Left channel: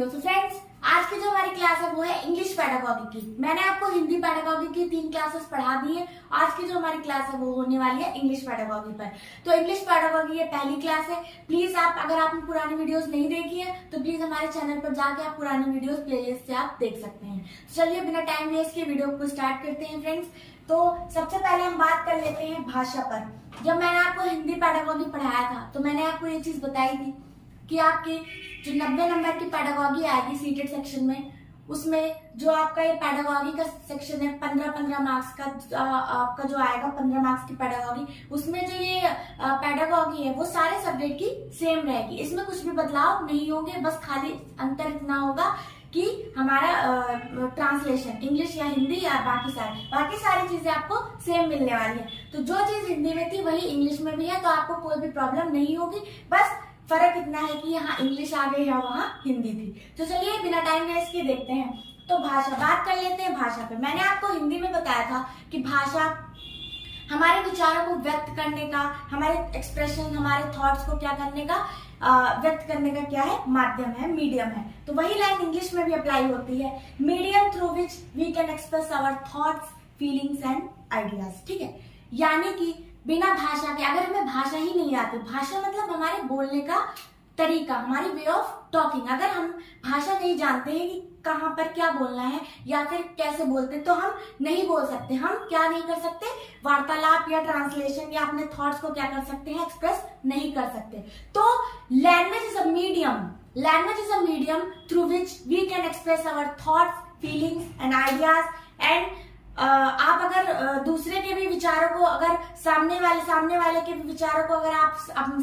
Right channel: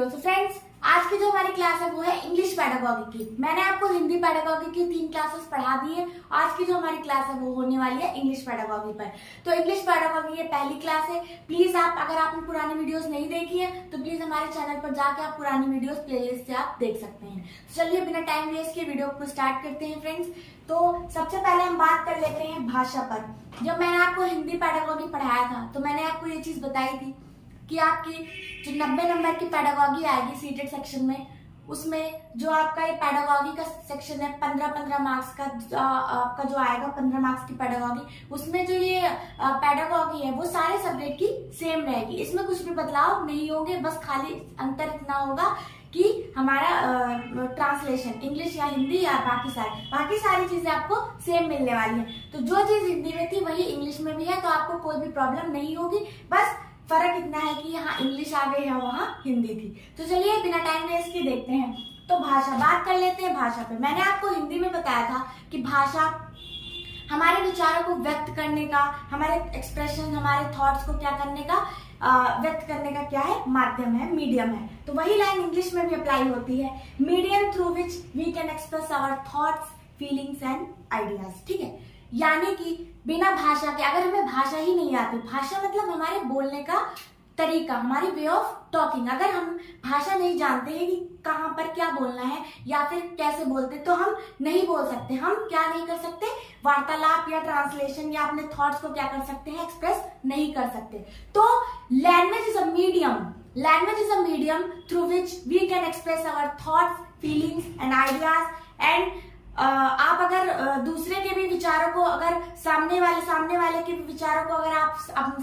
Video. तो friends, आज की जो हमारी क्लास है वो है इंग्लिश पैडागॉजी की। मैंने आपको हिंदी पैडागॉजी की 3 क्लासेस पढ़ा दी है। आज की जो हमारी क्लास है वो होने वाली है इंग्लिश पैडागॉजी पर। तो इंग्लिश पैडागॉजी ये पहली क्लास है। प्लीज अगर आपने पुरानी वीडियोस नहीं देखी है तो प्लीज हमारे चैनल पर जाके आप पुरानी वीडियोस प्लेलिस्ट से आप देख सकते हैं। तो चलिए बिना टाइम वेस्ट के वीडियो को स्टार्ट करते हैं फ्रेंड्स। तो सबसे पहले हम बात कर लेते हैं भाषा पर। जब मैंने आपको हिंदी पैडागॉजी पढ़ाया था तो मैंने आपको ये चीज बताई थी कि आपकी जो 90 नंबर की पैडागॉजी आएगी सीटेड सेक्शन में, उसमें जो आपका ये पैडागॉजी का सेक्शन है 15 मार्क्स का, आपका जो आएगा 15 मार्क्स की पैडागॉजी, उसमें जो ये पैडागॉजी है वो सारे सब्जेक्ट की सेम रहेगी। इसमें कुछ भी बदलाव नहीं होंगे, बस खाली अंतर इतना होगा कि हमारा ट्रांसलेशन इंग्लिश या हिंदी या बाकी सारी चीजें आपको सेम मिलने वाली है। तो जो चीज हिंदी में थी वही इंग्लिश में भी है, तो आपको कोई भी प्रॉब्लम नहीं होगी। बस फर्क इतना है कि यहाँ इंग्लिश आ गई है, वहाँ हिंदी थी। तो चलिए बिना टाइम वेस्ट के देखते हैं। तो भाषा बात कर लेते हैं। भाषा पे मैंने आपको हिंदी में बताया था कि भाषा हमारे विचारों को व्यक्त करने का, हमारे एक्सप्रेशन, हमारे थॉट्स को क्या करने का, व्यक्त करने का क्या है, माध्यम है, मीडियम है। तो वही लाइन इंग्लिश में भी अप्लाई होती है, medium through which we can express our thoughts, feelings and ideas. ठीक है, यानी कि बिना भाषा के, अगर हमें भाषा ही नहीं आती, भाषा मतलब हमारे बोलने का तरीका, हमारी वे ऑफ टॉकिंग, अगर हम भाषा नहीं जानते हैं कि कहाँ पर क्या बोलना है या फिर कैसे बोलते हैं, तो हम नहीं बोल सकते। हम क्या नहीं कर सकते, वार्तालाप या ट्रांसलेशन या अपने थॉट्स को क्या कर सकते हैं, एक्सप्रेस नहीं कर सकते। तो language is a medium through which we can express our thoughts, feelings and ideas. And आप अगर दूसरे के भी विचारों को, अगर सामने वाले के भी विचारों को अगर आप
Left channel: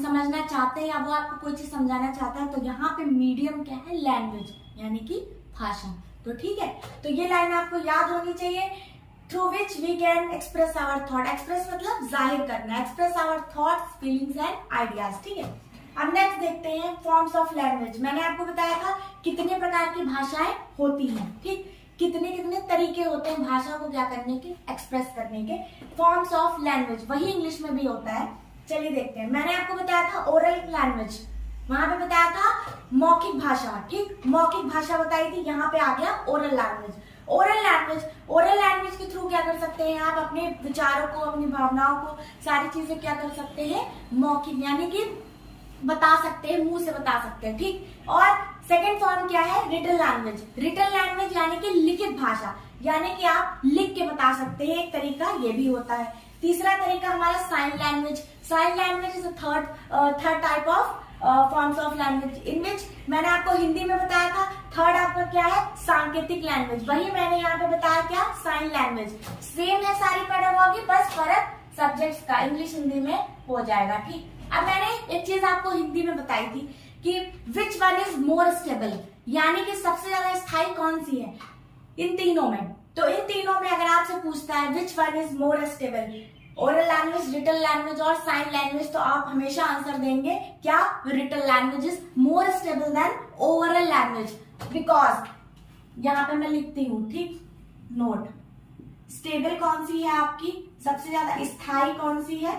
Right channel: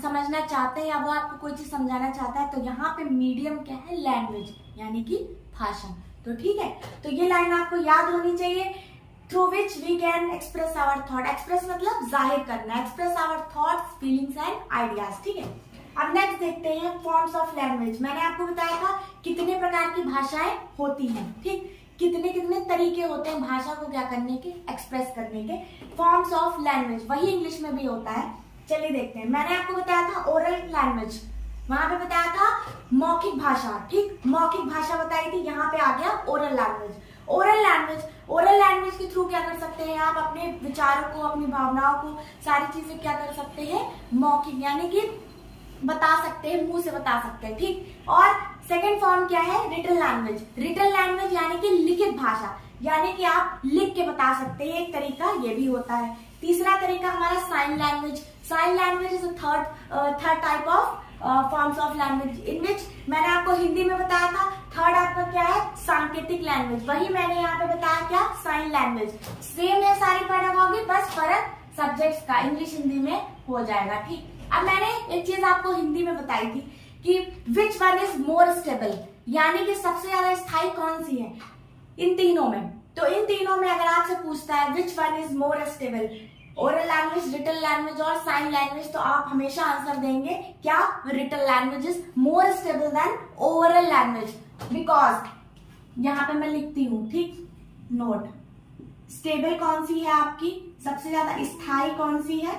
समझना चाहते हैं या वो आपको कोई चीज समझाना चाहता है, तो यहाँ पे मीडियम क्या है, लैंग्वेज यानी कि भाषा। तो ठीक है, तो ये लाइन आपको याद होनी चाहिए, through which we can express our thought. Express मतलब जाहिर करना, express our thoughts, feelings and ideas. ठीक है, अब नेक्स्ट देखते हैं फॉर्म्स ऑफ लैंग्वेज। मैंने आपको बताया था कितने प्रकार की भाषाएं होती हैं, ठीक, कितने तरीके होते हैं भाषा को क्या करने के, एक्सप्रेस करने के। फॉर्म्स ऑफ लैंग्वेज वही इंग्लिश में भी होता है। चलिए देखते हैं। मैंने आपको बताया था ओरल लैंग्वेज, वहां पे बताया था मौखिक भाषा, ठीक, मौखिक भाषा बताई थी। यहाँ पे आ गया ओरल लैंग्वेज। ओरल लैंग्वेज के थ्रू क्या कर सकते हैं आप, अपने विचारों को, अपनी भावनाओं को, सारी चीजें क्या कर सकते हैं, मौखिक यानी कि बता सकते हैं, मुंह से बता सकते हैं, ठीक। और सेकेंड फॉर्म क्या है, रिटन लैंग्वेज यानी कि लिखित भाषा, यानी कि आप लिख के बता सकते हैं, एक तरीका ये भी होता है। तीसरा तरीका हमारा sign language is third type of forms of language, in which मैंने आपको हिंदी में बताया था थर्ड आपका क्या है, सांकेतिक लैंग्वेज। वही मैंने यहाँ पे बताया क्या, साइन लैंग्वेज। सेम है सारी पैडागॉजी, बस फर्क सब्जेक्ट्स का इंग्लिश हिंदी में हो जाएगा, ठीक। अब मैंने एक चीज आपको हिंदी में बताई थी कि विच वन इज मोर स्टेबल, यानी कि सबसे ज्यादा स्थायी कौन सी है इन तीनों में। तो इन तीनों में अगर आपसे पूछता है which one is more stable, oral language, written language और साइन लैंग्वेज, तो आप हमेशा आंसर देंगे क्या, written language is more stable than oral language. Because यहाँ पे मैं लिखती हूँ, ठीक, नोट, स्टेबल कौन सी है आपकी, सबसे ज्यादा स्थायी कौन सी है,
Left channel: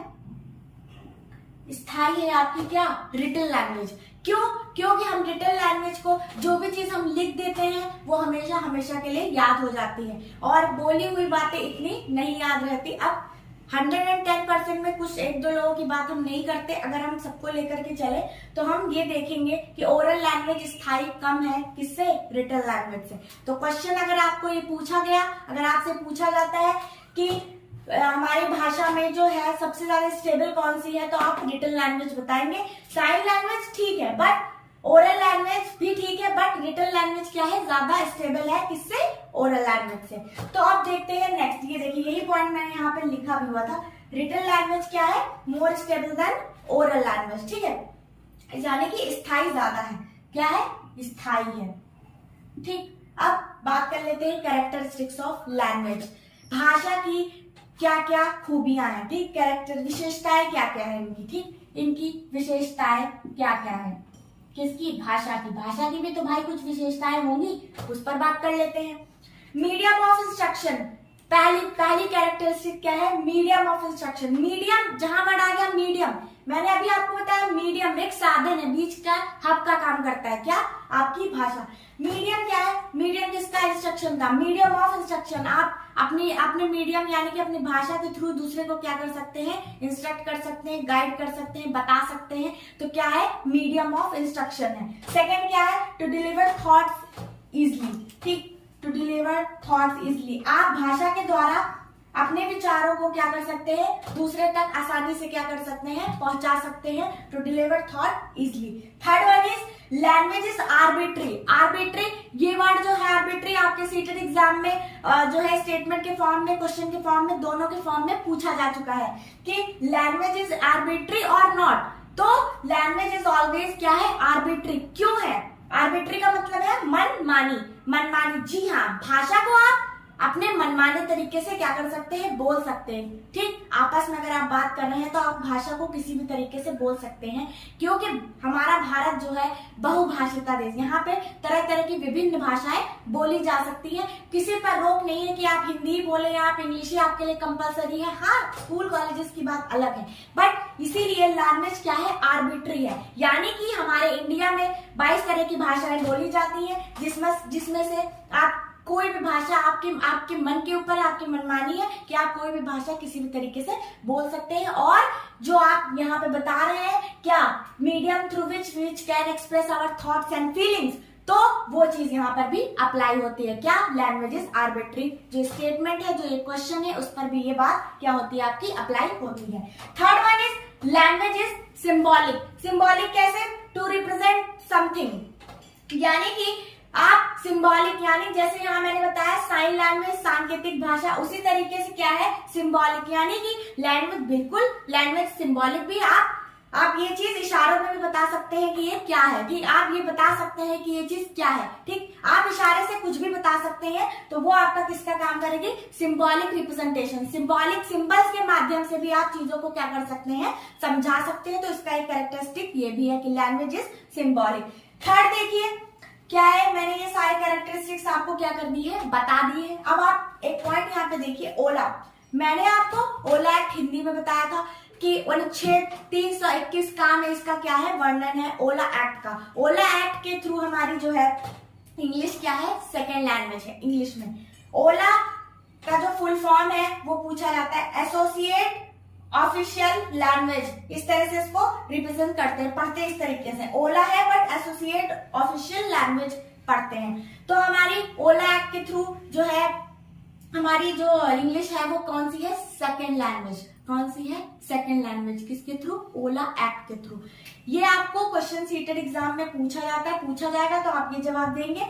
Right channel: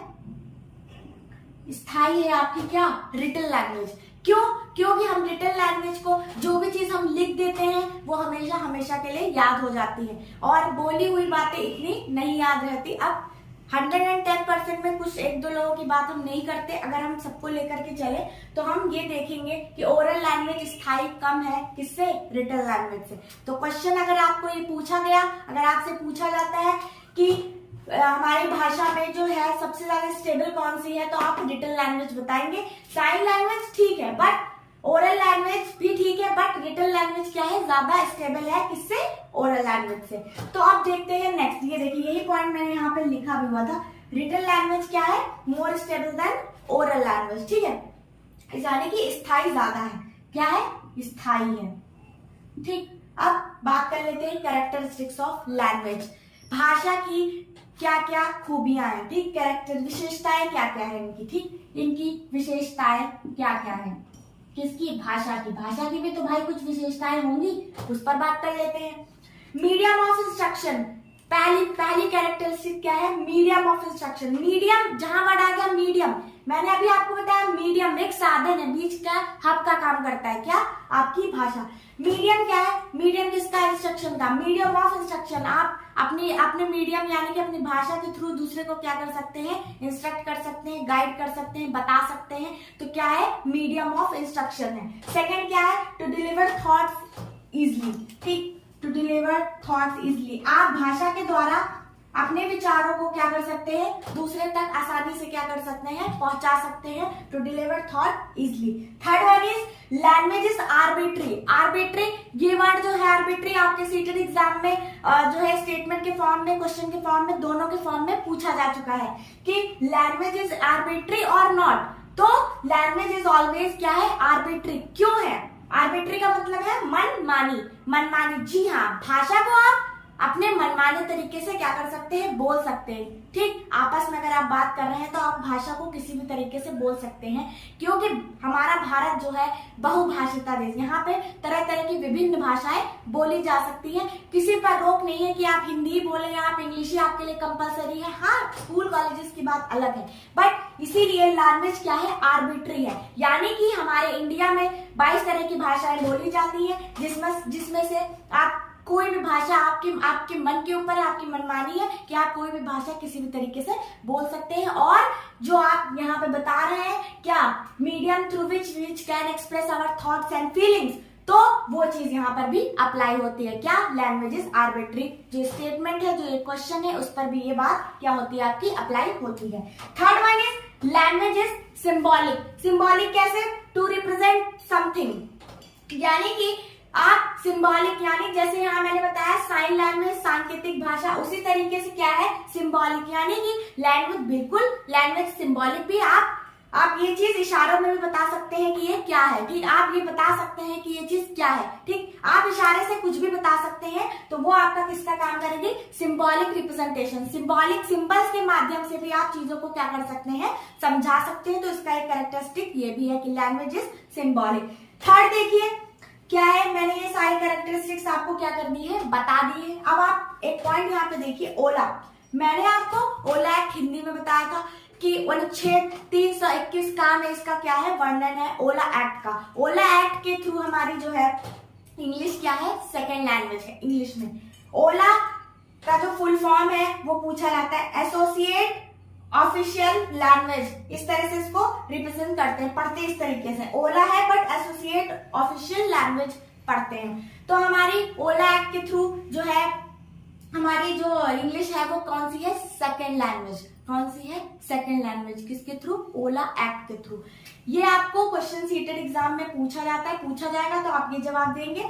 स्थायी है आपकी क्या, रिटन लैंग्वेज। क्यों, क्योंकि हम रिटन लैंग्वेज को जो भी चीज हम लिख देते हैं वो हमेशा के लिए याद हो जाती है, और बोली हुई बातें इतनी नहीं याद रहती। अब 110% में कुछ एक दो लोगों की बात हम नहीं करते, अगर हम सबको लेकर के चले तो हम ये देखेंगे कि ओरल लैंग्वेज स्थायी कम है किससे, रिटन लैंग्वेज से। तो क्वेश्चन अगर आपको ये पूछा गया, अगर आपसे पूछा जाता है कि हमारी भाषा में जो है सबसे ज्यादा स्टेबल कौन सी है, तो आप रिटन लैंग्वेज बताएंगे। साइन लैंग्वेज ठीक है, बट ओरल लैंग्वेज भी ठीक है, बट रिटन लैंग्वेज क्या है, ज्यादा स्टेबल है किससे, ओरल लैंग्वेज से। तो आप देखते हैं नेक्स्ट, ये देखिए यही पॉइंट मैंने यहाँ पे लिखा भी हुआ था, रिटन लैंग्वेज क्या है, मोर स्टेबल देन ओरल लैंग्वेज, ठीक है, यानी कि स्थायी ज्यादा है, क्या है, स्थायी है, ठीक। अब बात कर लेते हैं कैरेक्टरिस्टिक्स ऑफ लैंग्वेज, भाषा की क्या क्या खूबियां हैं, ठीक, कैरेक्टर विशेषताएं क्या क्या है इनकी, ठीक, इनकी विशेषताएं क्या क्या है, किसकी, भाषा की भी तो भाई कुछ विशेषताएं होंगी, उस पर बात कर लेते हैं। मीडियम ऑफ इंस्ट्रक्शन, पहली कैरेक्टरिस्टिक क्या है, मीडियम ऑफ इंस्ट्रक्शन। मीडियम, जहां वर्ड आ गया मीडियम, मैंने अभी आपको बताया मीडियम एक साधन है, बीच का हब का काम करता है, क्या? आपकी भाषा। मीडियम क्या है? मीडियम किसका? इंस्ट्रक्शन का, मीडियम ऑफ इंस्ट्रक्शन। आप अपने मीडियम यानी कि अपनी भाषा के थ्रू दूसरे को क्या कर सकते हैं? इंस्ट्रक्ट कर सकते हैं, गाइड कर सकते हैं, बता सकते हैं। तो क्या है? मीडियम ऑफ इंस्ट्रक्शन है। सेकंड क्या है? टू डिलीवर थॉट्स इजली, ठीक, टू डिलीवर थॉट्स इजली। आप भाषा के द्वारा अपने विचारों को क्या कर सकते हैं? दूसरे तक आसानी से क्या कर सकते हैं? पहुंचा सकते हैं। To deliver thought easily. Third one is language is arbitrary. Arbitrary, ये वर्ड जो है आर्बिट्री आपके सीटेड एग्जाम में जो है स्टेटमेंट के फॉर्म में, क्वेश्चन के फॉर्म में, दोनों के फॉर्म में पूछा जा चुका है कि लैंग्वेज इज आर्बिट्री और नॉट। तो लैंग्वेज इज ऑलवेज क्या है? आर्बिट्री। क्यों है? आर्बिट्री का मतलब है मनमानी। मनमानी, जी हाँ, भाषा को आप अपने मनमाने तरीके से क्या कर सकते हैं? बोल सकते हैं, ठीक। आपस में अगर आप बात कर रहे हैं तो आप भाषा को किसी भी तरीके से बोल सकते हैं, क्योंकि हमारा भारत जो है बहुभाषिता देश, यहाँ पे तरह तरह की विभिन्न भाषाएं बोली जा सकती हैं। किसी पर रोक नहीं है कि आप हिंदी बोले या आप इंग्लिश ही आपके लिए कंपलसरी है। हाँ, स्कूल कॉलेजेस की बात अलग है, बट इसीलिए लैंग्वेज क्या है? आर्बिट्री है। यानी कि हमारे इंडिया में 22 तरह की भाषाएं बोली जाती है, जिसमें से आप कोई भी भाषा आपके मन के ऊपर है, आपकी मनमानी है कि आप कोई भी भाषा किसी भी तरीके से बोल सकते हैं। और जो आप यहाँ पे बता रहे हैं क्या? Medium through which can express our thoughts and feelings, तो वो चीज यहाँ पर भी अप्लाई होती है। क्या? Language is arbitrary. जो स्टेटमेंट है, जो क्वेश्चन है, उस पर भी ये बात क्या होती है? आपकी अप्लाई होती है। Third one is language is symbolic. Symbolic कैसे? टू रिप्रेजेंट समथिंग, यानी कि आप सिंबॉलिक, यानी जैसे यहाँ मैंने बताया साइन लैंग्वेज सांकेतिक भाषा, उसी तरीके से क्या है? सिंबॉलिक, यानी कि लैंग्वेज, बिल्कुल लैंग्वेज सिंबॉलिक भी आप ये चीज इशारों में भी बता सकते हैं कि ये क्या है, ठीक। आप ये बता सकते हैं कि ये चीज क्या है, ठीक। आप इशारे से कुछ भी बता सकते हैं, तो वो आपका किसका काम करेगी? Symbolic representation. सिंबॉलिक सिंबल्स के माध्यम से भी आप चीजों को क्या कर सकते हैं? समझा सकते हैं। तो इसका एक कैरेक्टरिस्टिक ये भी है कि लैंग्वेज इज सिंबॉलिक। थर्ड देखिए क्या है, मैंने ये सारे कैरेक्टरिस्टिक्स आपको क्या कर दी है? बता दिए। अब आप एक पॉइंट यहाँ पे देखिए, ओला। मैंने आपको ओला एक्ट हिंदी में बताया था कि अनुच्छेद 321 का में इसका क्या है? वर्णन है ओला एक्ट का। ओला एक्ट के थ्रू हमारी जो है इंग्लिश क्या है? सेकेंड लैंग्वेज है इंग्लिश में। ओला का जो फुल फॉर्म है वो पूछा जाता है, एसोसिएट ऑफिशियल लैंग्वेज। इस तरह से इसको रिप्रेजेंट करते हैं, पढ़ते हैं इस तरीके से। ओला है बट एसोसिएट ऑफिशियल लैंग्वेज पढ़ते हैं। तो हमारी ओला एक्ट के थ्रू जो है हमारी जो इंग्लिश है वो कौन सी है? Second language. कौन सी है? Second language. किसके थ्रू? ओला एक्ट के थ्रू। ये आपको क्वेश्चन सीटेड एग्जाम में पूछा जाता है, पूछा जाएगा तो आप ये जवाब देंगे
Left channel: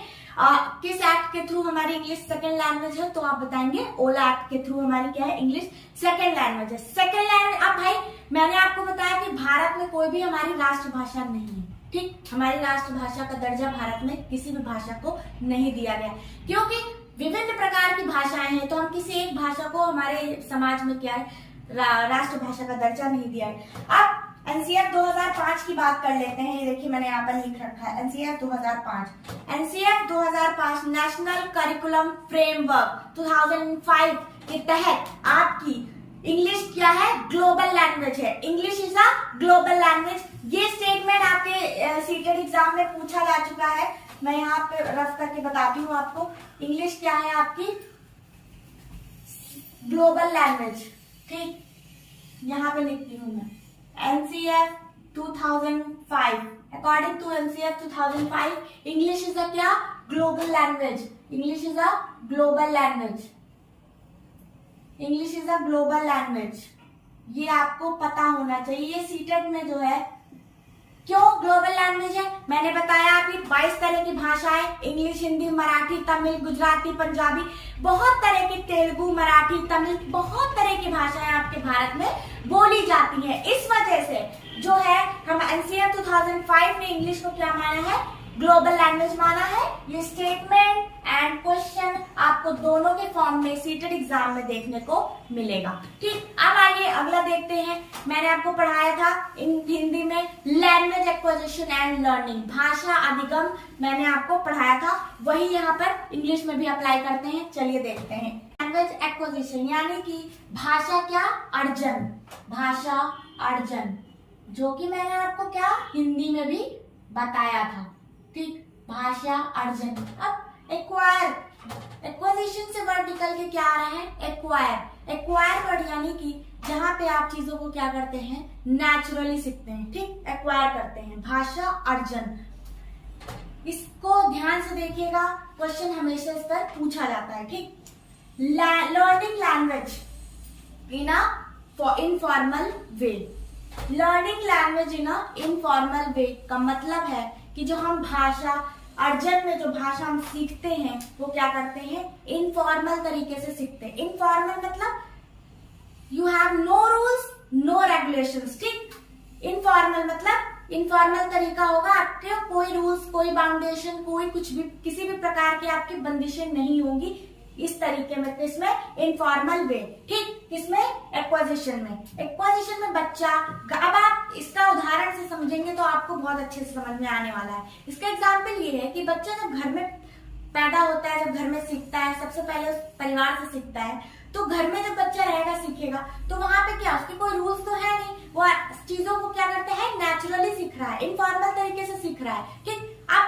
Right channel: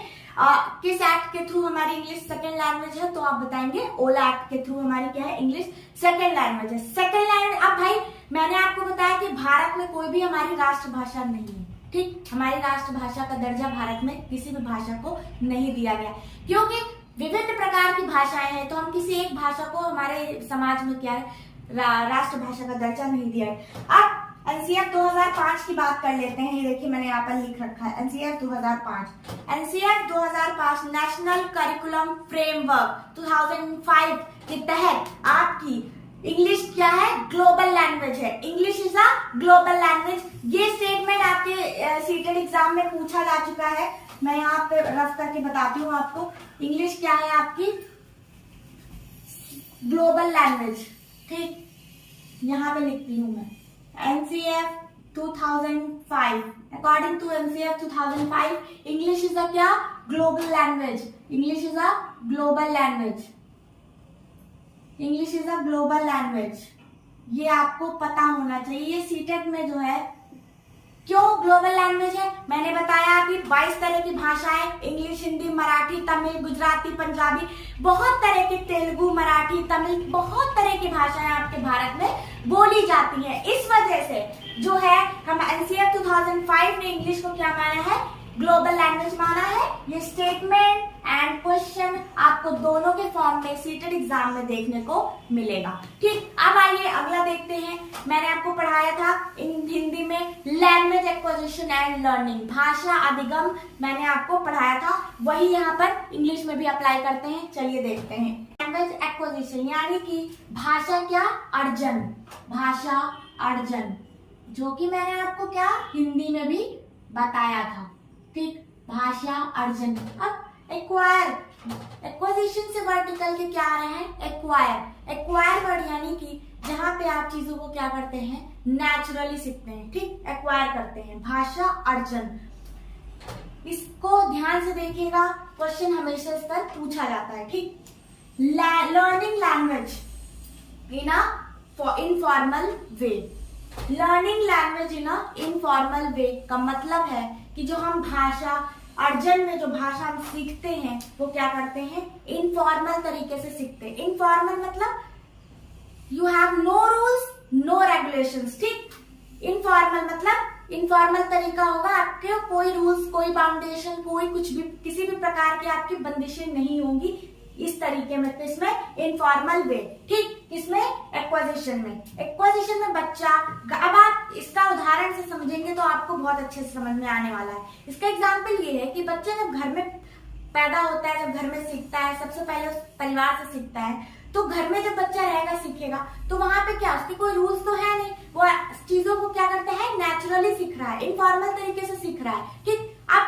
किस एक्ट के थ्रू हमारी इंग्लिश सेकेंड लैंग्वेज है, तो आप बताएंगे ओला एक्ट के थ्रू हमारी क्या है? इंग्लिश सेकेंड लैंग्वेज है। Second language. अब भाई मैंने आपको बताया कि भारत में कोई भी हमारी राष्ट्रभाषा नहीं है, ठीक। हमारी राष्ट्रभाषा का दर्जा भारत में किसी भी भाषा को नहीं दिया गया, क्योंकि विभिन्न प्रकार की भाषाएं हैं, तो हम किसी एक भाषा को हमारे समाज में क्या है? राष्ट्रभाषा का दर्जा नहीं दिया है। अब एनसीएफ 2005 की बात कर लेते हैं। ये देखिए मैंने यहाँ पर लिख रखा है NCF 2005। NCF 2005 national curriculum framework 2005 के तहत आपकी इंग्लिश क्या है? ग्लोबल लैंग्वेज है। English is a global language. ये स्टेटमेंट आपके सीटेड एग्जाम में पूछा जा चुका है। मैं यहाँ पे रफ करके बताती हूँ आपको। इंग्लिश क्या है आपकी? ग्लोबल लैंग्वेज, ठीक। यहाँ पे लिखती हूँ मैं NCF 2005। According to NCF 2005 English is a क्या? Global language. English is a global language. English is a global language. ये आपको पता होना चाहिए। ये सीटेट में जो है क्यों ग्लोबल लैंग्वेज है? मैंने बताया अभी 22 तरह की भाषाएं, इंग्लिश, हिंदी, मराठी, तमिल, गुजराती, पंजाबी, बहुत तरह की, तेलुगु, मराठी, तमिल, बहुत तरह की भाषाएं आपके भारत में बोली जाती हैं। इस वजह से जो है हम एनसीएफ 2005 ने इंग्लिश को क्या माना है? ग्लोबल लैंग्वेज माना है। ये स्टेटमेंट एंड क्वेश्चन आपको दोनों के फॉर्म में सीटेड एग्जाम में देखने को मिलेगा, ठीक। अब आइए अगला देखते हैं। मैंने आपको पढ़ाया था हिंदी में लैंग्वेज एक्विजिशन एंड लर्निंग, भाषा अधिगम मैंने आपको पढ़ाया था, वही यहाँ पर इंग्लिश में भी अप्लाई करते हैं। चलिए देखते हैं। लैंग्वेज एक्विजिशन यानी कि भाषा क्या? अर्जन। भाषा अर्जन। जो कि मैंने आपको क्या हिंदी में भी बताया था, ठीक। भाषा अर्जन। अब एक्वायर, एक्वाजिशन से वर्ड निकल के क्या आ रहा है, एक्वायर। एक्वायर वर्ड यानी कि जहां पे आप चीजों को क्या करते हैं, नेचुरली सीखते हैं, ठीक, एक्वायर करते हैं। भाषा अर्जन, इसको ध्यान से देखिएगा, क्वेश्चन हमेशा इस पर पूछा जाता है, ठीक। Learning language in a informal way. Learning language in a informal वे का मतलब है कि जो हम भाषा अर्जन में जो भाषा हम सीखते हैं वो क्या करते हैं, इनफॉर्मल तरीके से सीखते हैं। इनफॉर्मल मतलब you have no rules no regulations, ठीक। इनफॉर्मल मतलब इनफॉर्मल तरीका होगा, आपके कोई रूल्स कोई बाउंडेशन कोई कुछ भी किसी भी प्रकार की आपकी बंदिशें नहीं होंगी इस तरीके में, तो इसमें इनफॉर्मल वे, ठीक। किसमें, एक्वाजिशन में। एक्वाजिशन में बच्चा, अब आप इसका उदाहरण से समझेंगे तो आपको बहुत अच्छे से समझ में आने वाला है। इसका एग्जाम्पल ये है कि बच्चा जब घर में पैदा होता है, जब घर में सीखता है, सबसे पहले उस परिवार से सीखता है, तो घर में जब बच्चा रहेगा सीखेगा तो वहां पे क्या, उसके कोई रूल्स तो है नहीं, वो चीजों को क्या करता है, नेचुरली सीख रहा है, इनफॉर्मल तरीके से सीख रहा है, ठीक। अब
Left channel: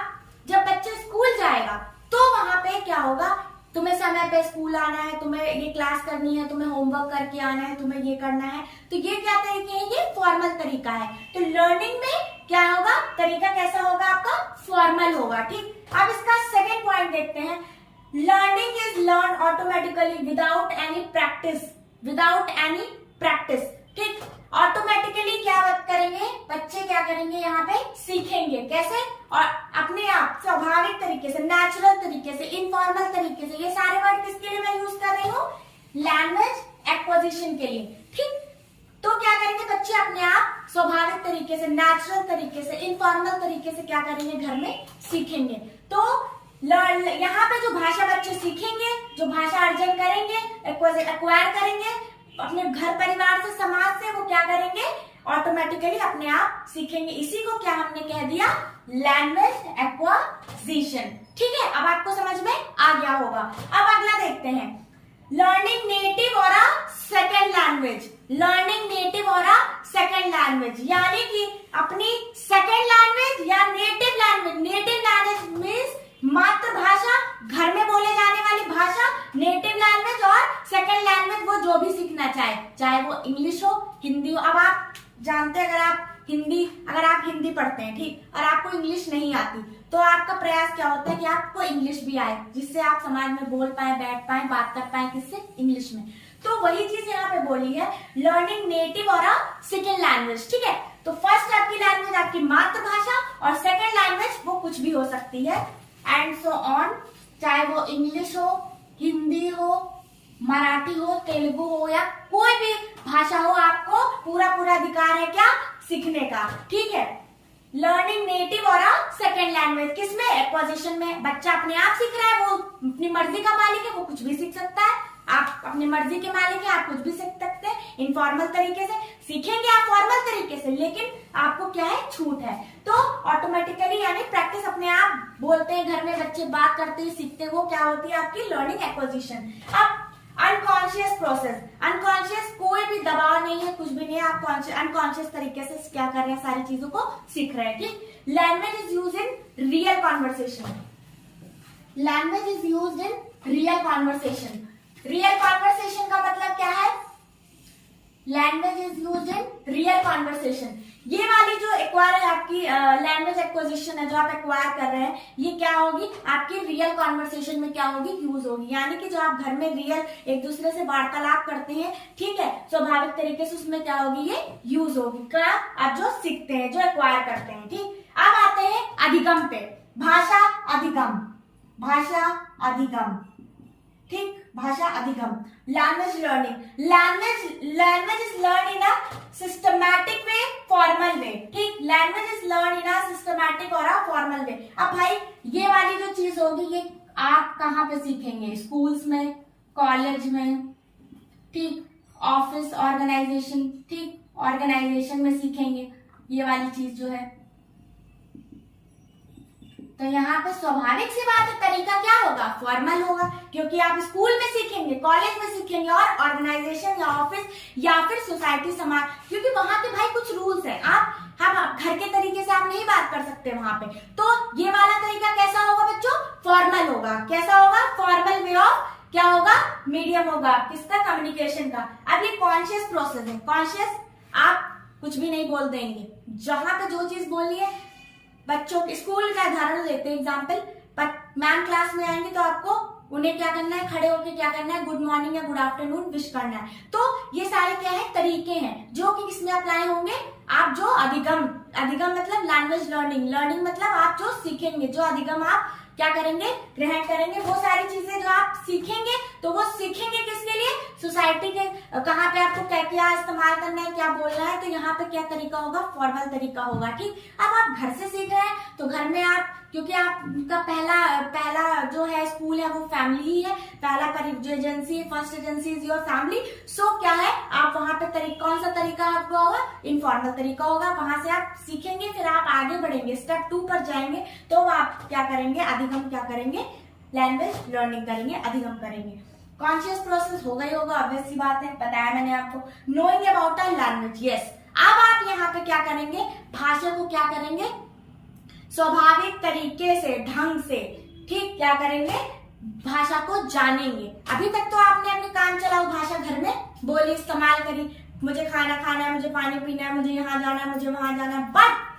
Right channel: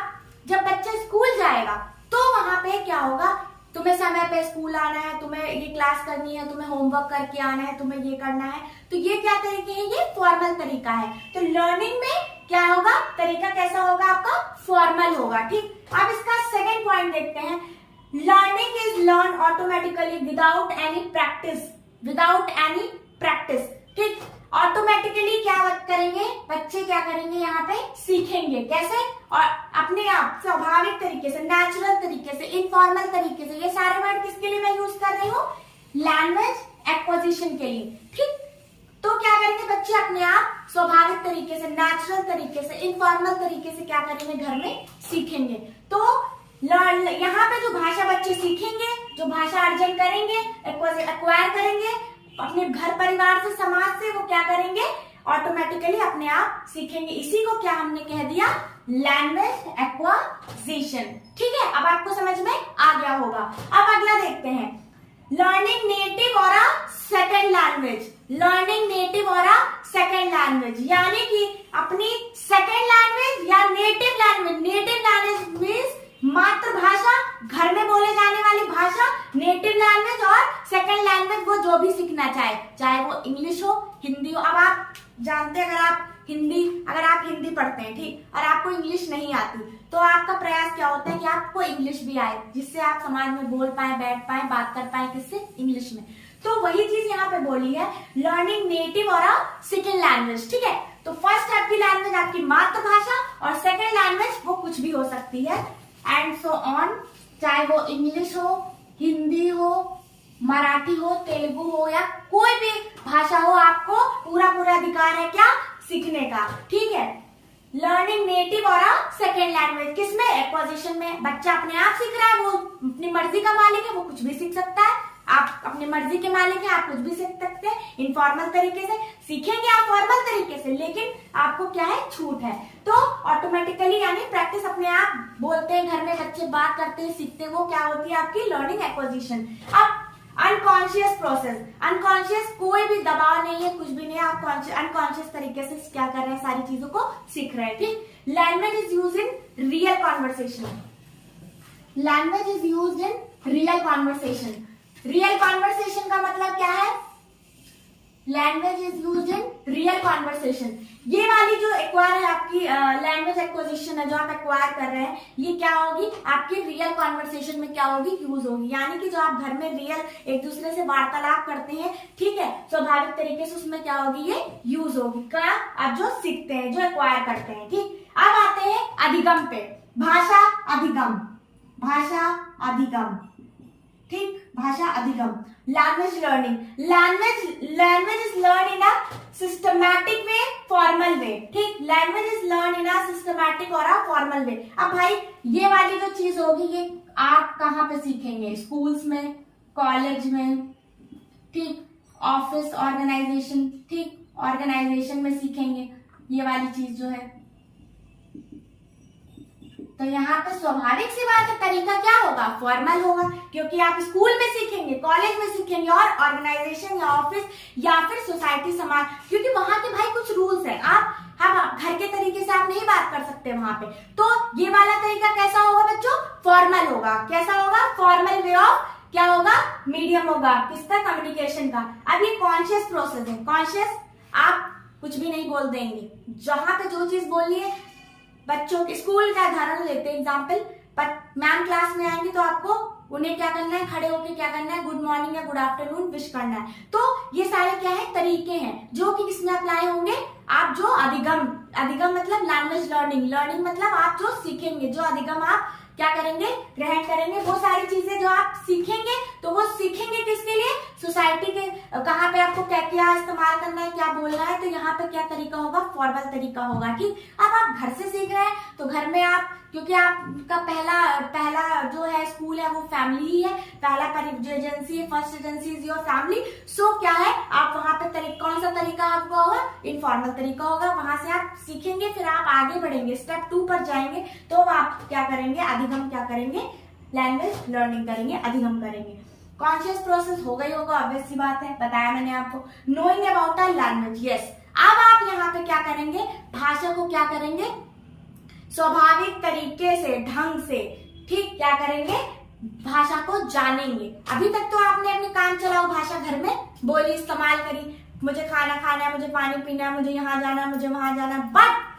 जब बच्चा स्कूल जाएगा तो वहां पे क्या होगा, तुम्हें समय पे स्कूल आना है, तुम्हें ये क्लास करनी है, तुम्हें होमवर्क करके आना है, तुम्हें ये करना है, तो ये क्या तरीके हैं, ये फॉर्मल तरीका है। तो लर्निंग में क्या होगा, तरीका कैसा होगा आपका, फॉर्मल होगा, ठीक। अब इसका सेकंड पॉइंट देखते हैं। Learning is learn automatically without any practice, without any practice, ठीक। ऑटोमेटिकली क्या करेंगे बच्चे, क्या करेंगे, यहाँ पे सीखेंगे कैसे, और अपने आप स्वाभाविक तरीके से, नेचुरल तरीके से, इनफॉर्मल तरीके से। ये सारे वर्ड किसके लिए मैं यूज कर रही हूँ, लैंग्वेज एक्विजिशन के लिए, ठीक। तो क्या करेंगे बच्चे अपने आप स्वाभाविक तरीके से, नेचुरल तरीके से, इनफॉर्मल तरीके से क्या करेंगे, घर में सीखेंगे। तो यहाँ पे जो भाषा बच्चे सीखेंगे, जो भाषा अर्जन करेंगे, एक्वायर करेंगे अपने घर परिवार से, समाज से, वो क्या करेंगे, ऑटोमेटिकली अपने आप सीखेंगे। इसी को क्या हमने कह दिया, लैंग्वेज एक्वाजिशन, ठीक है। अब आपको समझ में आ गया होगा। अब अगला देखते हैं, लर्निंग नेटिव और a second language. Learning native और अ सेकेंड लैंग्वेज यानी कि अपनी सेकेंड लैंग्वेज या native language. Native language means मातृभाषा, घर में बोले जाने वाली भाषा, नेटिव लैंग्वेज, और सेकेंड लैंग्वेज वो जो भी सीखना चाहे, चाहे वो इंग्लिश हो, हिंदी हो। अब आप जानते हैं अगर आप हिंदी पढ़ते हैं, ठीक, और आपको इंग्लिश नहीं आती, तो आपका प्रयास क्या होता है कि आपको इंग्लिश भी आए, जिससे आप समाज में बोल पाए, बैठ पाए, बात कर पाए, किससे, इंग्लिश में। तो वही चीज यहाँ पे बोली है, लर्निंग नेटिव और अ सेकेंड लैंग्वेज, ठीक है। तो फर्स्ट आपकी लैंग्वेज आपकी मातृभाषा, और सेकेंड लैंग्वेज वो कुछ भी हो सकती है, एंड सो ऑन, चाहे वो इंग्लिश हो, हिंदी हो, मराठी हो, तेलुगु हो, या कोई भी भाषा हो, आपको पूरा अधिकार है क्या, सीखने का, ठीक है। लर्निंग नेटिव और अ सेकेंड लैंग्वेज किसमें, एक्विजिशन में। बच्चा अपने आप सीख रहा है, वो अपनी मर्जी का मालिक है, वो कुछ भी सीख सकता है। आप अपनी मर्जी के मालिक है, आप कुछ भी सीख सकते हैं इनफॉर्मल तरीके से। सीखेंगे आप फॉर्मल तरीके से, लेकिन आपको क्या है, छूट है। तो ऑटोमेटिकली यानी प्रैक्टिस, अपने आप बोलते हैं, घर में बच्चे बात करते हैं, सीखते हैं, वो क्या होती है आपकी लर्निंग एक्विजिशन। अब अनकॉन्शियस प्रोसेस, अनकॉन्शियस कोई भी दबाव नहीं है, कुछ भी नहीं है, आप अनकॉन्शियस तरीके से क्या कर रहे हैं, सारी चीजों को सीख रहे हैं, ठीक। Language is use in real conversation. Language is use in real conversation. Real conversation का मतलब क्या है, language is use in real conversation. ये वाली जो एक्वायर है आपकी लैंग्वेज एक्विजिशन है, जो आप एक्वायर कर रहे हैं, ये क्या होगी आपकी रियल कॉन्वर्सेशन में क्या होगी, यूज होगी। यानी कि जो आप घर में रियल एक दूसरे से वार्तालाप करते हैं, ठीक है, स्वाभाविक तरीके से, उसमें क्या होगी, ये यूज होगी। क्या, आप जो सीखते हैं, जो एक्वायर करते हैं, ठीक। अब आते हैं अधिगम पे, भाषा अधिगम, भाषा अधिगम, ठीक, भाषा अधिगम। Language learning, language is learn in a systematic way, formal way, ठीक। Language is learn in a systematic और अ फॉर्मल वे। अब भाई ये वाली जो चीज होगी, ये आप कहाँ पे सीखेंगे, स्कूल्स में, कॉलेज में, ठीक, ऑफिस, ऑर्गेनाइजेशन, ठीक, ऑर्गेनाइजेशन में सीखेंगे ये वाली चीज जो है। तो यहाँ पे स्वाभाविक सी बात है, तरीका क्या होगा, फॉर्मल होगा, क्योंकि आप स्कूल में सीखेंगे, कॉलेज में सीखेंगे और ऑर्गेनाइजेशन या ऑफिस या फिर सोसाइटी समाज, क्योंकि वहां के भाई कुछ रूल्स है, आप घर के तरीके से आप नहीं बात कर सकते वहां पे। तो ये वाला तरीका कैसा होगा बच्चों, फॉर्मल होगा। कैसा होगा, फॉर्मल वे ऑफ क्या होगा, मीडियम होगा, किसका, कम्युनिकेशन का। अब ये कॉन्शियस प्रोसेस है, कॉन्शियस आप कुछ भी नहीं बोल देंगे, जहां पे जो चीज बोलनी है। बच्चों स्कूल का उदाहरण लेते हैं एग्जाम्पल, मैम क्लास में आएंगे तो आपको उन्हें क्या करना है, खड़े होकर क्या करना है, गुड मॉर्निंग या गुड आफ्टरनून विश करना है। तो ये सारे क्या है, तरीके हैं जो कि किसमें अप्लाई होंगे, आप जो अधिगम मतलब लैंग्वेज लर्निंग मतलब आप जो सीखेंगे, जो अधिगम आप क्या करेंगे, ग्रहण करेंगे, वो सारी चीजें जो आप सीखेंगे, तो वो सीखेंगे किसके लिए, सोसाइटी के, कहाँ पे आपको क्या क्या इस्तेमाल करना है, क्या बोलना है। तो यहाँ पे क्या तरीका होगा, फॉर्मल तरीका होगा। ठीक, अब आप घर से सीख रहे हैं तो घर में आप, क्योंकि आपका पहला जो है स्कूल है वो फैमिली ही है, पहला agency, first agency is your family. So क्या है, आप वहां पे कौन सा तरीका आपका होगा, इनफॉर्मल तरीका होगा। वहां से आप सीखेंगे, फिर आप आगे बढ़ेंगे, स्टेप 2 पर जाएंगे, तो आप क्या करेंगे, अधिगम क्या करेंगे, लैंग्वेज लर्निंग करेंगे, अधिगम करेंगे। कॉन्शियस प्रोसेस होगा ही होगा, ऑब्वियस सी बात है, बताया मैंने आपको। Knowing about a language, yes. अब आप यहाँ पे क्या करेंगे, भाषा को क्या करेंगे, स्वाभाविक तरीके से, ढंग से, ठीक, क्या करेंगे, भाषा को जानेंगे। अभी तक तो आपने अपने काम चलाओ भाषा घर में बोली, इस्तेमाल करी, मुझे खाना खाना है, मुझे पानी पीना है, मुझे यहाँ जाना है, मुझे वहां जाना है। बट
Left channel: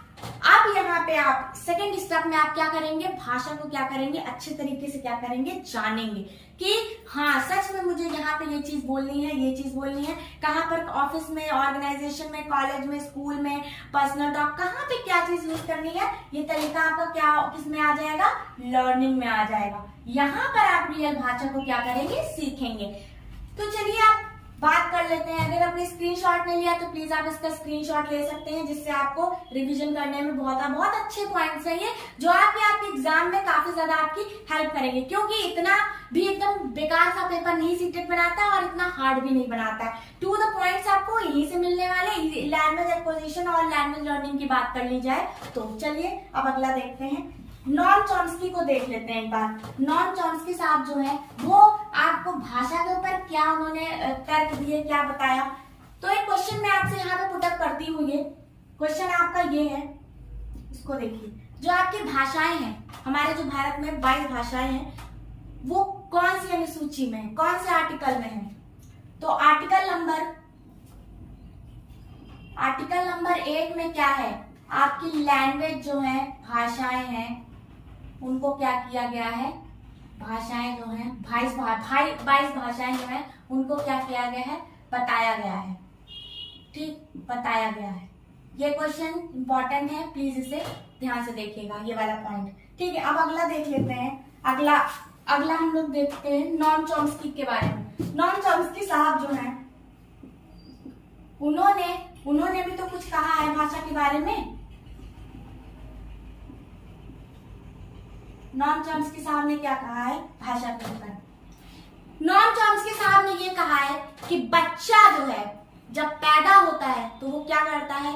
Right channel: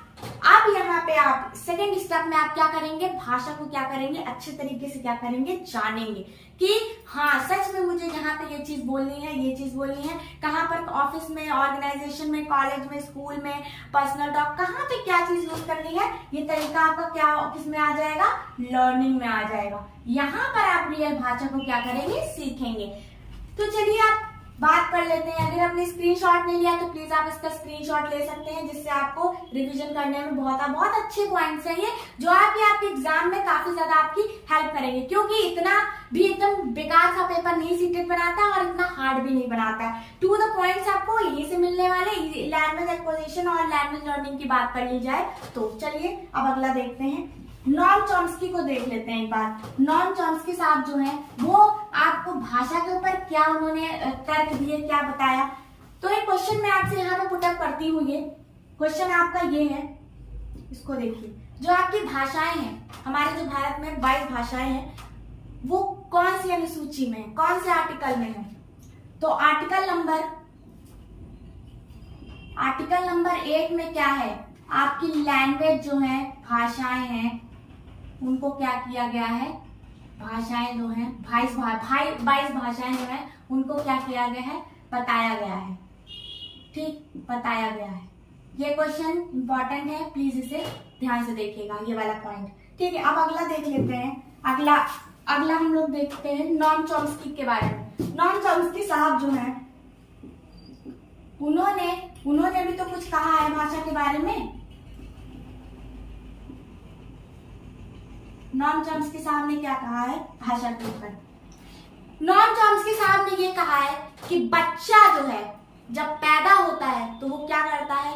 अब यहाँ पे आप सेकेंड स्टेप में आप क्या करेंगे, भाषा को क्या करेंगे, अच्छे तरीके से क्या करेंगे, जानेंगे कि हाँ सच में मुझे यहाँ पे ये चीज बोलनी है, ये चीज बोलनी है। कहाँ पर, ऑफिस में, ऑर्गेनाइजेशन में, कॉलेज में, स्कूल में, पर्सनल टॉक, कहाँ पे क्या चीज यूज करनी है, ये तरीका आपका क्या, किसमें आ जाएगा, लर्निंग में आ जाएगा। यहाँ पर आप रियल भाषा को क्या करेंगे, सीखेंगे। तो चलिए आप बात कर लेते हैं। अगर आपने स्क्रीनशॉट नहीं लिया तो प्लीज आप इसका स्क्रीनशॉट ले सकते हैं, जिससे आपको रिवीजन करने में बहुत अच्छे पॉइंट्स हैं ये, जो आपके एग्जाम में काफी ज्यादा आपकी हेल्प करेंगे। क्योंकि इतना भी एकदम बेकार सा पेपर नहीं सीटेट बनाता और इतना हार्ड भी नहीं बनाता। टू द पॉइंट्स आपको यहीं से मिलने वाले। लैंग्वेज एक्विजिशन और लैंग्वेज लर्निंग की बात कर ली जाए तो चलिए अब अगला देखते हैं। नॉम चॉम्स्की को देख लेते हैं एक बार। नॉम चॉम्स्की साहब जो हैं वो आपको भाषा के ऊपर क्या उन्होंने तर्क दिए, क्या बताया। तो एक क्वेश्चन मैं आपसे यहाँ पे पुटअप करती हूँ। ये क्वेश्चन आपका ये है, इसको देखिए। जो आपकी भाषाएं हैं, हमारे जो भारत में 22 भाषाएं हैं, वो कौन सी अनुसूची में, कौन से आर्टिकल में है। तो आर्टिकल नंबर 1 में क्या है, आपकी लैंग्वेज जो है, भाषाएं हैं, उनको क्या किया गया है, भाषाएं जो हैं 22 भाषाएं जो हैं उनको क्या किया गया है, बताया गया है। ठीक, बताया गया है। ये क्वेश्चन इंपॉर्टेंट है, प्लीज इसे ध्यान से देखिएगा, ये वाला पॉइंट। ठीक है, अब अगला देख लेते हैं। अगला हम लोग देखते हैं नॉम चॉम्स्की के बारे में। नॉम चॉम्स्की साहब जो हैं उन्होंने भी तो कुछ कहा है भाषा के बारे में। नॉम चॉम्स्की साहब ने क्या कहा है भाषा के ऊपर। नॉम चॉम्स्की साहब ने ये कहा है कि बच्चा जो है जब पैदा होता है तो वो क्या करता है,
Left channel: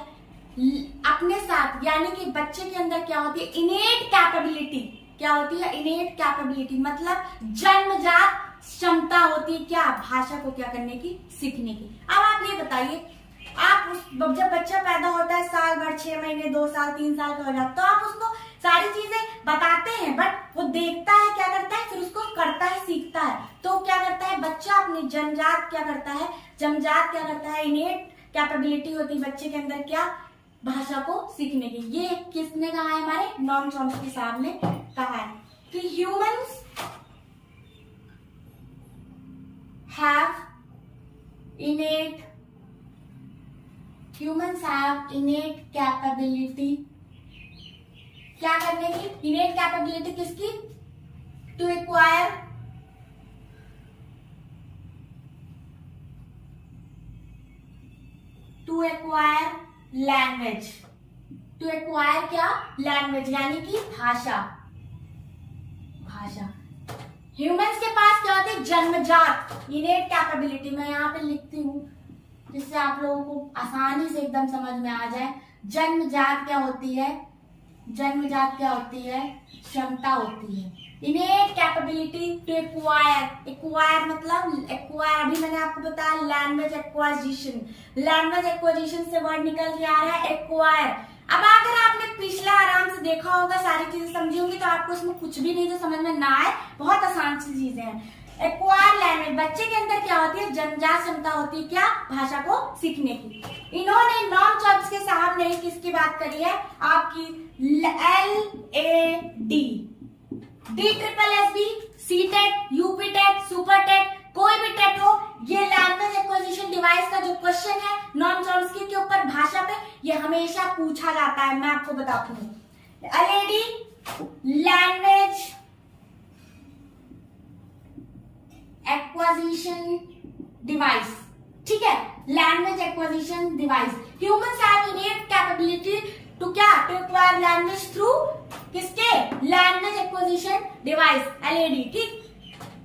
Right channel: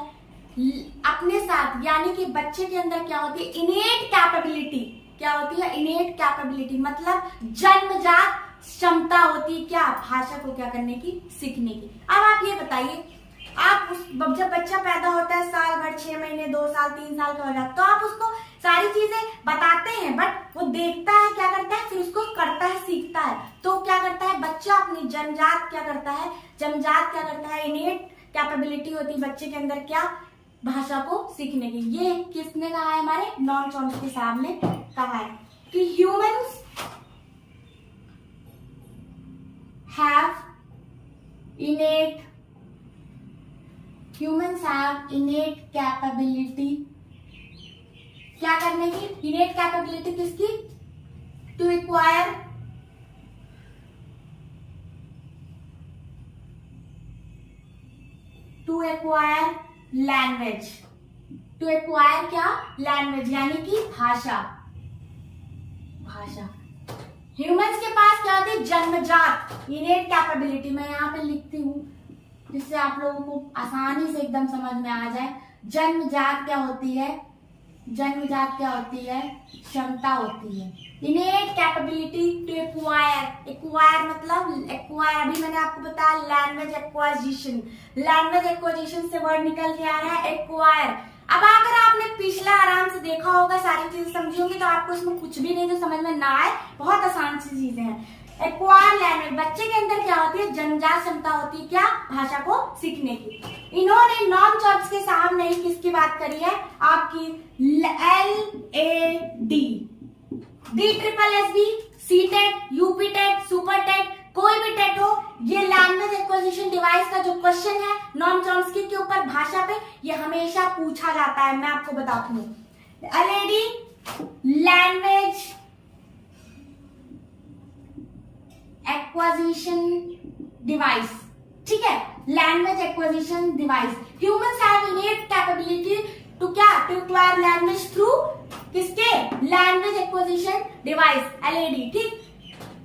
अपने साथ, यानी कि बच्चे के अंदर क्या होती है, इनेट कैपेबिलिटी। क्या होती है, इनेट कैपेबिलिटी, मतलब जन्मजात क्षमता होती है क्या, भाषा को क्या करने की, सीखने की। अब आप ये बताइए, आप जब बच्चा पैदा होता है, साल भर, 6 महीने, 2 साल, 3 साल का हो जाता है, तो आप उसको सारी चीजें बताते हैं, बट वो देखता है, क्या करता है, फिर उसको करता है, सीखता है। तो क्या करता है बच्चा, अपनी जन्मजात क्या करता है, इनेट कैपेबिलिटी होती है बच्चे के अंदर क्या, भाषा को सीखने की। ये किसने कहा है, हमारे नॉम चॉम्स्की साहब ने कहा है कि ह्यूमंस हैव इनेट कैपेबिलिटी, क्या करने की, इनेट कैपेबिलिटी किसकी, to acquire language, to acquire क्या, लैंग्वेज, यानी कि भाषा। ह्यूमंस के पास क्या होती है, जन्मजात इनेट कैपेबिलिटी। मैं यहाँ पे लिखती हूँ जिससे आप लोगों को आसानी से एकदम समझ में आ जाए। जन्मजात क्या होती है, जन्मजात क्या होती है? क्षमता होती है। Innate capability to acquire. Acquire मतलब एक्वायर, अभी मैंने आपको बताया लैंग्वेज एक्वाजिशन। लैंग्वेज एक्वाजिशन से वर्ड निकल के आ रहा है एक्वायर। अब अगर आपने पिछला आराम से देखा होगा, सारी चीजें समझी होंगी, तो आपको इसमें कुछ भी नहीं जो समझ में ना आए, बहुत आसान सी चीजें हैं। एक्वायर लैंग्वेज, बच्चे के अंदर क्या होती है? जन्मजात क्षमता होती है, क्या? भाषा को सीखने की। इन्होंने नॉर्म चॉम्स्की साहब ने किसकी बात करी है? आपकी LAD, DSSB, CTET, UPTET, Super TET, कोई भी टेट हो, ये लैंग्वेज एक्विजिशन डिवाइस का जो क्वेश्चन है नॉर्म चॉम्स्की के ऊपर भाषा पे, ये हमेशा पूछा जाता है। मैं आपको बताती हूँ, LAD लैंग्वेज एक्विजिशन डिवाइस, ठीक है, language acquisition device. Humans have innate capability to क्या? टू एक्वायर लैंग्वेज थ्रू किसके? लैंग्वेज एक्विजिशन डिवाइस, LAD, ठीक।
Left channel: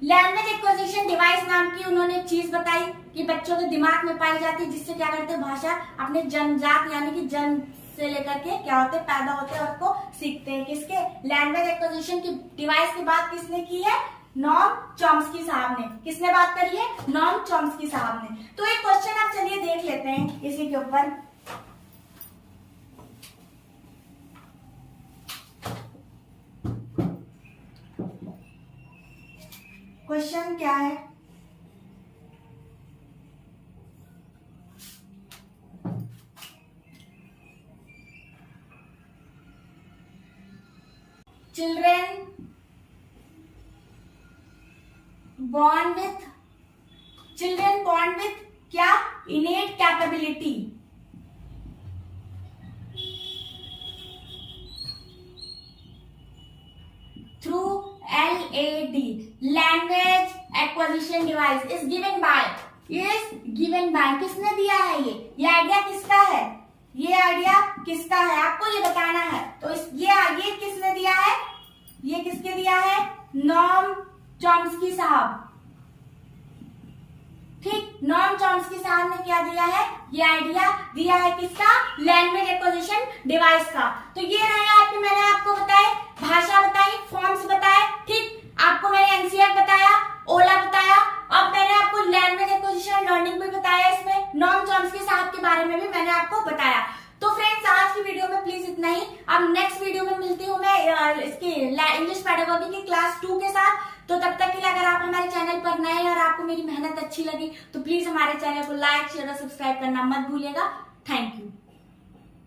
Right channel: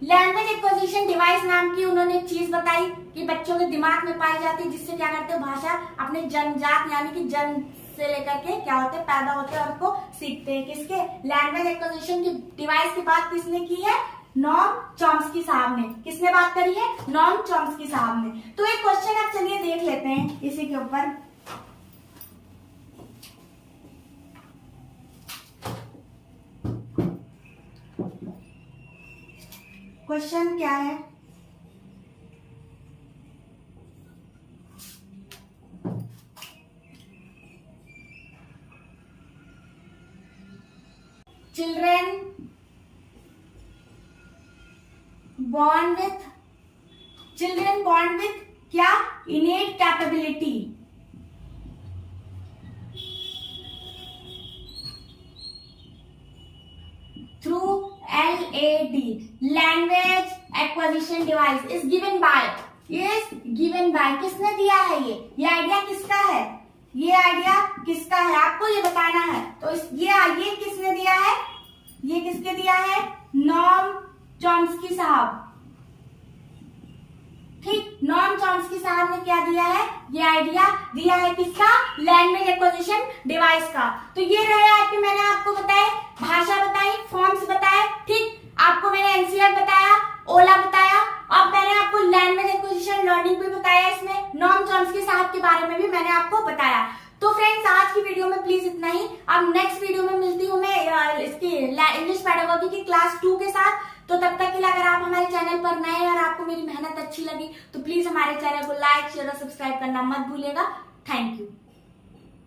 लैंग्वेज एक्विजिशन डिवाइस नाम की उन्होंने एक चीज बताई कि बच्चों के दिमाग में पाई जाती है, जिससे क्या करते हैं? भाषा अपने जन्मजात यानी कि जन्म से लेकर के क्या होते हैं? पैदा होते हैं और उसको सीखते हैं। किसके? लैंग्वेज एक्विजिशन की डिवाइस की बात किसने की है? नॉर्म चॉम्स्की साहब ने। किसने बात करी है? नॉर्म चॉम्स्की साहब ने। तो एक क्वेश्चन आप चलिए देख लेते हैं इसी के ऊपर। क्वेश्चन क्या है? चिल्ड्रेन born with क्या? innate capability through LAD language acquisition device is given by किसने दिया है? ये आइडिया किसका है? ये आइडिया किसका है? आपको ये बताना है। तो ये किसने दिया है? ये किसके दिया है? नॉर्म चॉम्स्की साहब, ठीक। नॉर्म चॉम्स्की साहब ने क्या दिया है? ये आइडिया दिया है किसका? लैंग्वेज एक्विजिशन डिवाइस का। तो ये रहे आपके, मैंने आपको बताया, भाषा बताई, फॉर्म्स बताए, ठीक। आपको मैंने एनसीआर बताया, ओला बताया, अब मैंने आपको लैंग्वेज एक्विजिशन लर्निंग भी बताया। इसमें नॉर्म चॉम्स्की साहब के बारे में भी मैंने आपको बताया। तो फ्रेंड्स, आज की वीडियो में प्लीज इतना ही। अब नेक्स्ट वीडियो में मिलती हूँ मैं इसकी इंग्लिश पेडागोगी की क्लास 2 के साथ। तो तब तक के लिए अगर आप हमारे चैनल पर नए हैं और आपको मेरी मेहनत अच्छी लगी तो प्लीज हमारे चैनल को लाइक, शेयर और सब्सक्राइब करना मत भूलिएगा। Thank you.